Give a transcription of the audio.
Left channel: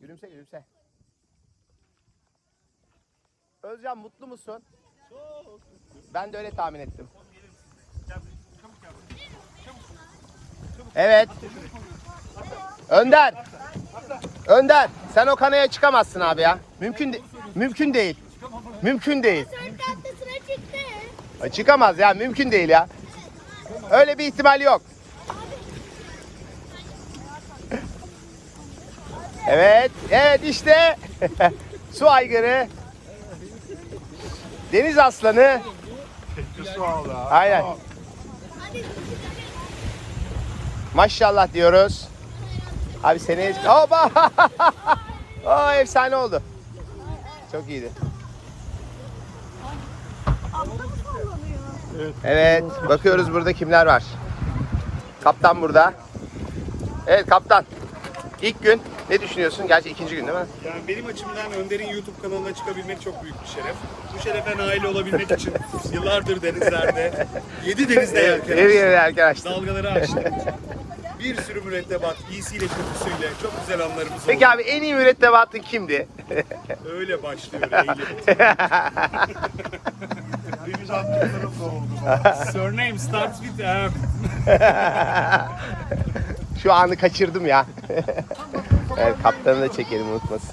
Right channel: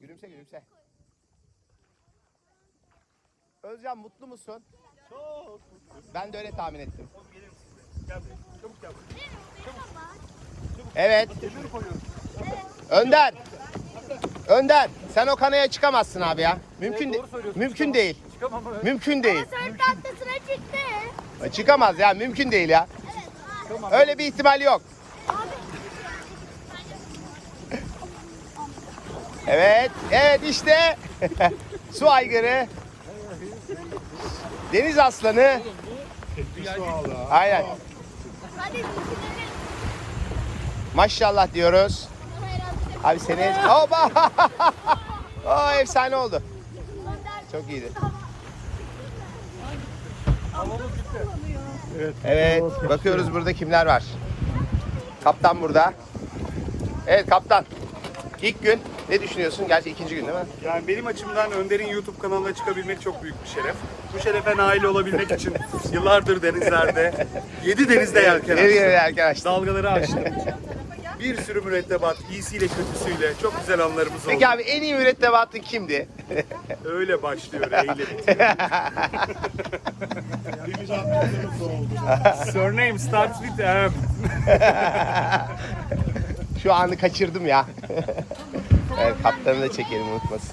Gülümse gülümse. Özcan mutlu musun? Çok. Ben de öyle tahmin ettim. Oğlum gelir misin? Gel buraya. Çabuk gel buraya. Evet. Önder. Önder. Sen o kanaya çıkamazsın abi ya. Mümkün Evet, mümkün değil. Çıkamam öyle. Mümkün değil. Dört tahtasına çıktı. Çıkamaz ya. Mümkün değil ya. Öyle bir ihtimal yok. Evet, evet işte su aygırı, deniz aslanı, aynen. Maşallah diyoruz. Abi seni, hoppa, o efsane oldu. Çok iyiydi. Evet, bakıyoruz burada kimler var. Kaptan burada. Evet kaptan. İlk gün ne düşünüyorsun? Gerçi ikinci gün değil mi? Yani benim açımdan Önder'in YouTube kanalına çıkabilmek çok büyük bir şeref. Bu şerefe nail olabilmek için yıllardır denizlerde, 7 denizde yelken açtım. Dalgaları aştım. Bir sürü mürettebat, iyisiyle kötüsüyle çok güzel anlarımız oldu. Peki abi en iyi mürettebatın kimdi? Öyle başlıyor, eyle bitiyor. Deniz atlıkları soruldu. Surname starts with M. Şu anı kaçırdım ya. evet, kaptanı da çekelim unutmasın.